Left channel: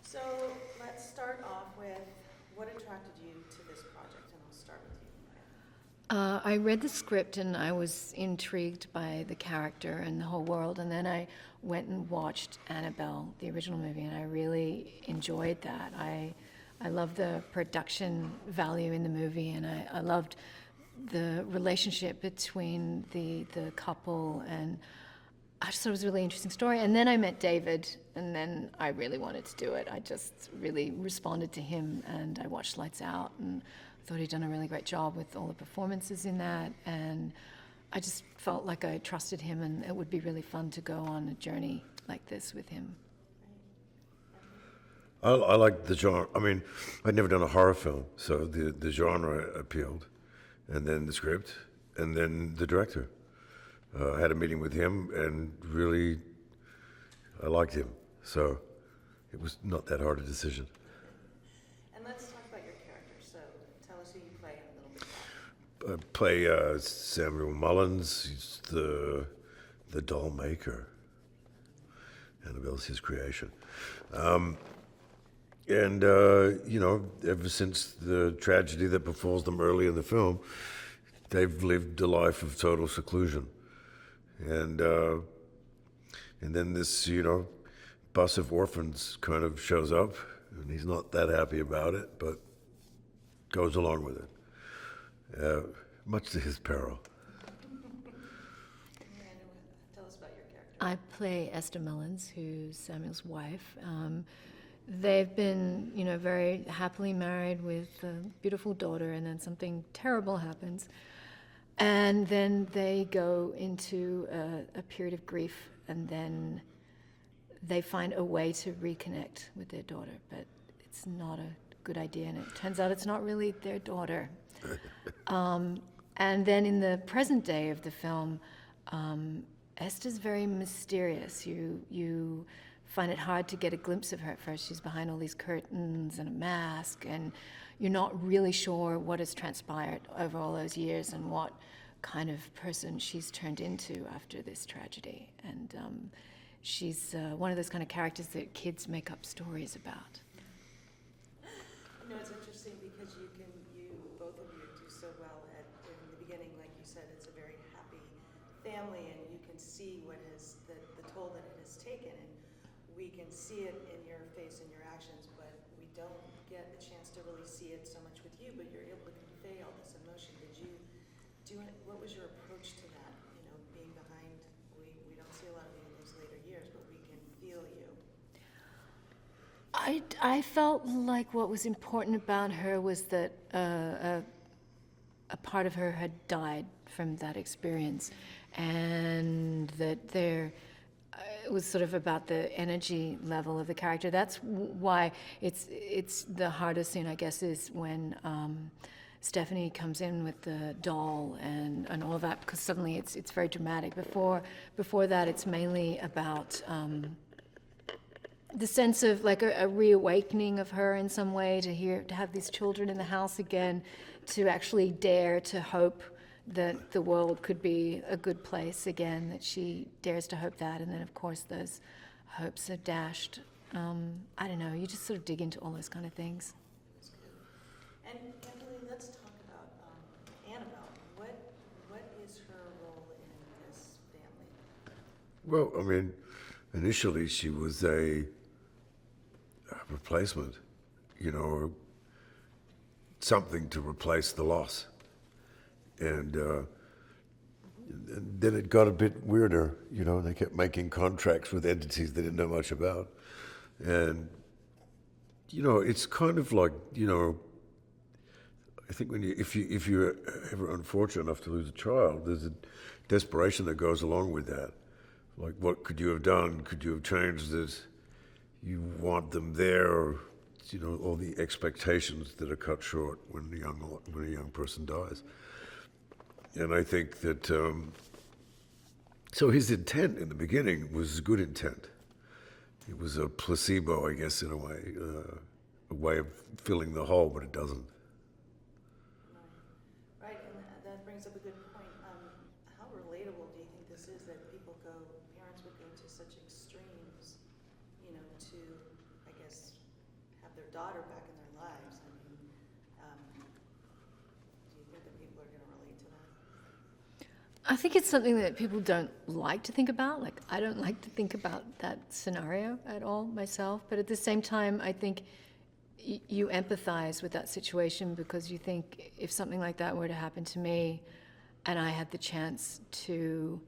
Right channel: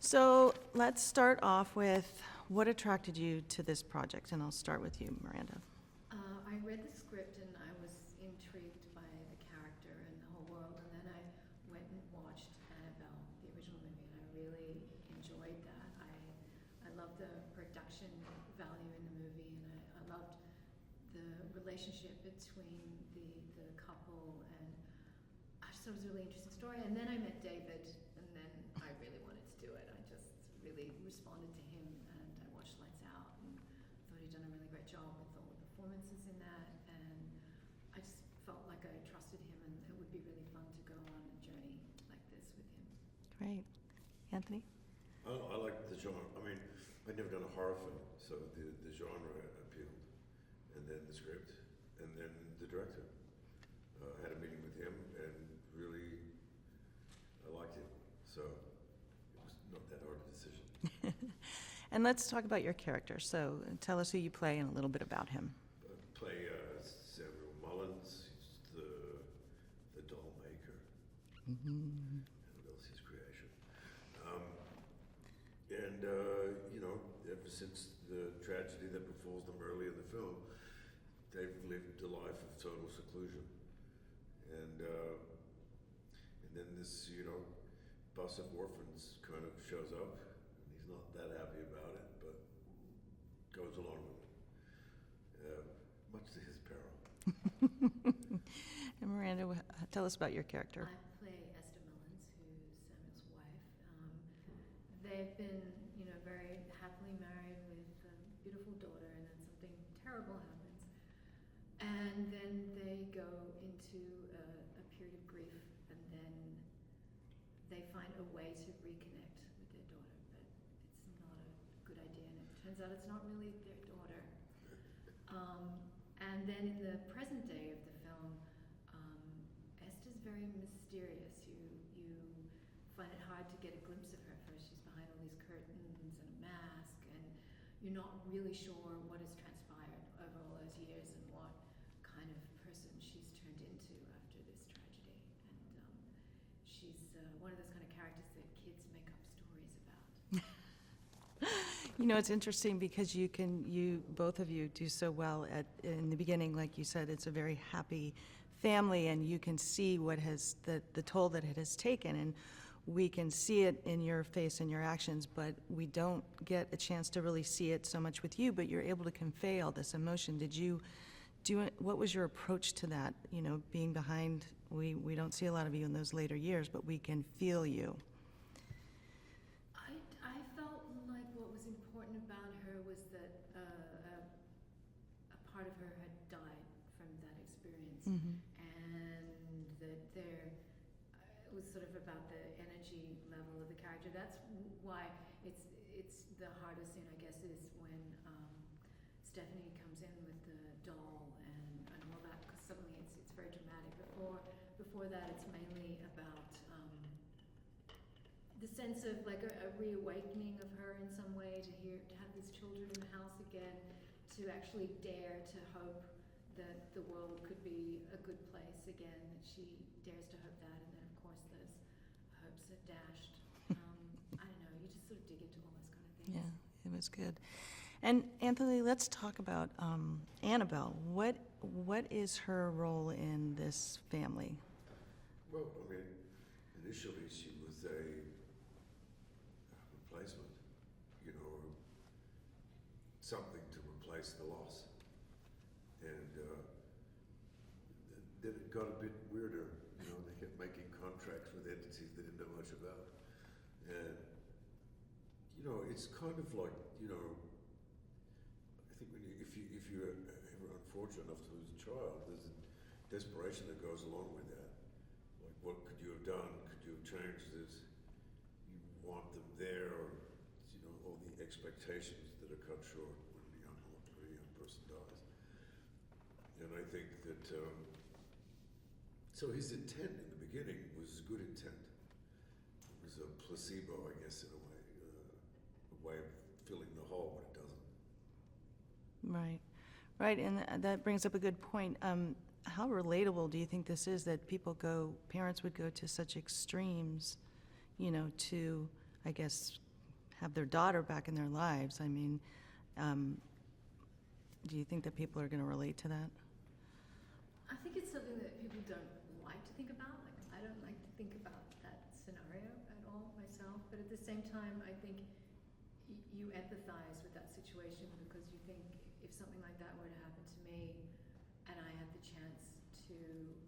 So let's start off with what attracted you to this project, and I'll start with you, Miranda. I read the script and I was intrigued by the character and the whole world, and then I went and watched Annabelle, the original movie, and I really enjoyed that. I loved the production value in the movie, and I loved the relationship between the couple, and I just thought it was a really interesting story. And then I met David, and then I really wanted to do it. I just really responded to him, and I watched Lights Out, and thought he'd done a really great job with all the performances in that, and I just felt like I trusted him, and it would be really fun to go on a journey like this with him. Great. Anthony? I like the genre. I mean, I'd never done a horror film, so the genre appealed, and then the script, and then the director. I had a meeting with him, and really, I liked him. So it was not that hard a decision. And let's talk about your character. So tell us who you play and a little bit about him. I play Samuel Mullins. He's the doll maker. Annabelle's his creation. And ever since the tragedy that befalls them early in the film, they've lived a life of total seclusion. And then this, bus of orphans kind of shows up, and he's not that happy about it, but goes along with it, much to his peril. And Miranda, tell us about your character. I play Esther Mullins, who's Samuel's wife. They've been, very happily married with a beautiful daughter, and then something terrible happens. And then they go into a period of grief, and then they find a way to reconnect with their daughter, but it's not a good idea, and it turns out it's not really their daughter. And then in the present day of the film, Esther's very mysterious. You find it hard to get a glimpse of her at first. She's behind all these curtains and a mask, and you're not really sure what has transpired over all those years and what kind of person she's turned into after this tragedy. And she's one of those kind of characters that kids make up stories about. It's interesting because both of you do so well in the beginning. Like you said, it's a very happy family, and you can see what has the toll that it has taken, and we can see it in your face and your actions, but we don't get a chance to really see it so much with you, but you're able to convey all this emotion. Did you do it? What was your approach to that? Being behind, we don't see a lot of you in those later years, but we can feel you. I felt like what was important about her was that a part of her had died from that experience, and that it was sort of about the energy level of the character. That's why it's the hardest scene, I guess, is when Stephanie comes in with the doll and all of that, because suddenly it's very dramatic. Before that, it's mainly about the sense of like a reawakening of her in some way, to have these children in the house again, to actually dare to hope that the world could be a good place again, that she dares to hope that, and then of course those hopes are dashed. I don't know, you just sort of dig into all those kind of things. Yeah, it was good. And Anthony, let's talk about Annabelle. What is her role in this family? Well, I mean, initially she was a replacement, something to replace the loss. And then it got a bit weirder, they kept making contracts with entities they didn't know much about. And, it's kind of like, I think if you're ever unfortunate enough to lose a child, there's a desperation that goes along with that. Like, what could you have done? Could you have changed this? You want them there, or, all the expectations that are cut short when a young person dies. And I think that, so his intent in the beginning was good intent. It was a placebo, I guess, in a way of filling the hole, but it doesn't. Right, and that brings up a good point. How relatable do you think this is, that parents would go to such extremes, to, I guess, have their daughter back in their lives. I mean, do you think that people are going to relate to that? I think it's something that people don't like to think about. Like, I don't like to think about that scenario at all myself. But at the same time, I think you empathize with that situation, because you think, if something like that were to happen to me and I had the chance to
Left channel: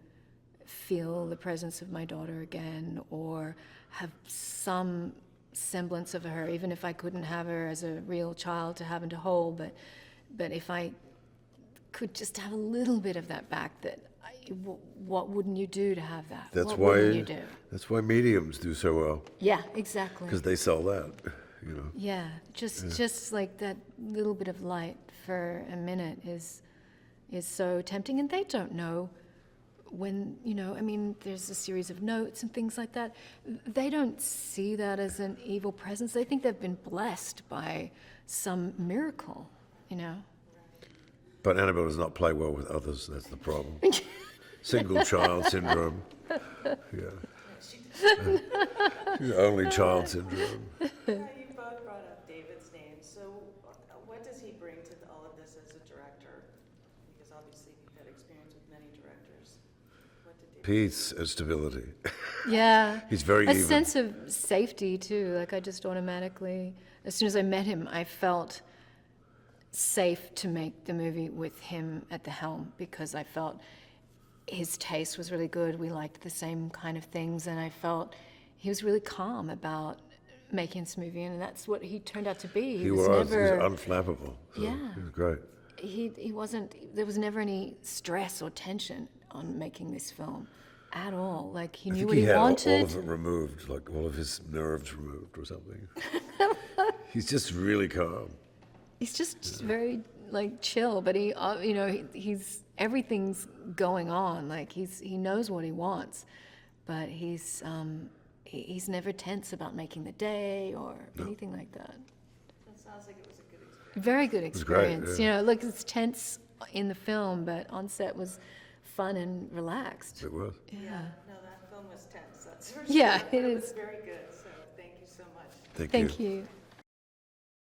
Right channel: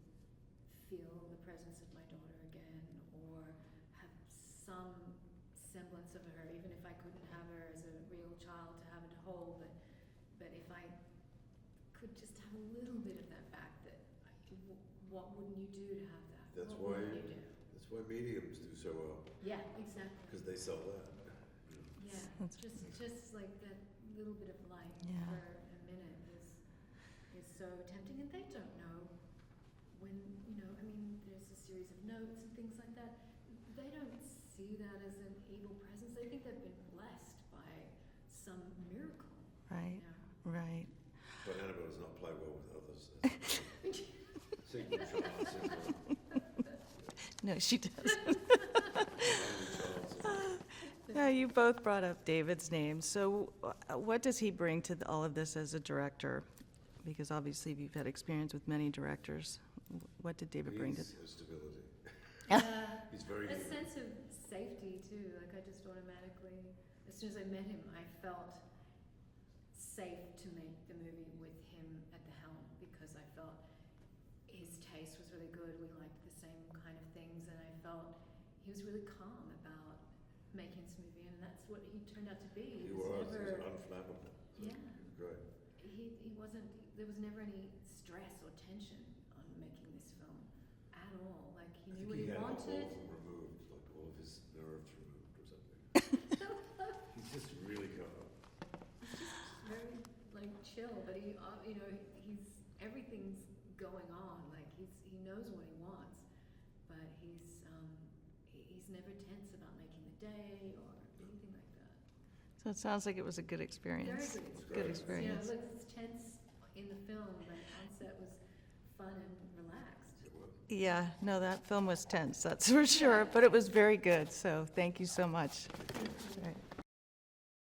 feel the presence of my daughter again, or have some semblance of her, even if I couldn't have her as a real child to have and to hold, but if I could just have a little bit of that back, what wouldn't you do to have that? That's what why. wouldn't you do? That's why mediums do so well, Yeah, exactly. because they sell that. You know. Yeah, just like that little bit of light for a minute is so tempting, and they don't know when, I mean, there's a series of notes and things like that. They don't see that as an evil presence. They think they've been blessed by some miracle, Right. Right. But Annabelle does not play well with others. That's the problem. Single child syndrome. Yeah. No, she did. The only child syndrome. Yeah, you both brought up David's name. So what does he bring to all of this as a director? Because obviously you've had experience with many directors. What did David bring? Peace and stability. Yeah. He's very A even. sense of safety, too. Like, I just automatically, as soon as I met him, I felt safe to make the movie with him at the helm, because I felt his taste was really good. We liked the same kind of things, and I felt he was really calm about making this movie, and that's what he turned out to be. He was unflappable. So Yeah. He was great. He wasn't, there was never any stress or tension on making this film at all. Like, he I knew think what he he had wanted. all of it removed, like all of his nerves removed or something. He's just really calm. He's just very, like, chill, but he's everything's going on. Like, he knows what he wants, but he's never tense about making the day or anything like that. So it sounds like it was a good experience. Very good was great, experience. yeah. Look, it's tense in the film, but on set was fun and relaxed. It was. Yeah, no, that film was tense, that's for sure. Yeah, But it it was is. very good, so thank you so much. Thank you. Thank you. Right.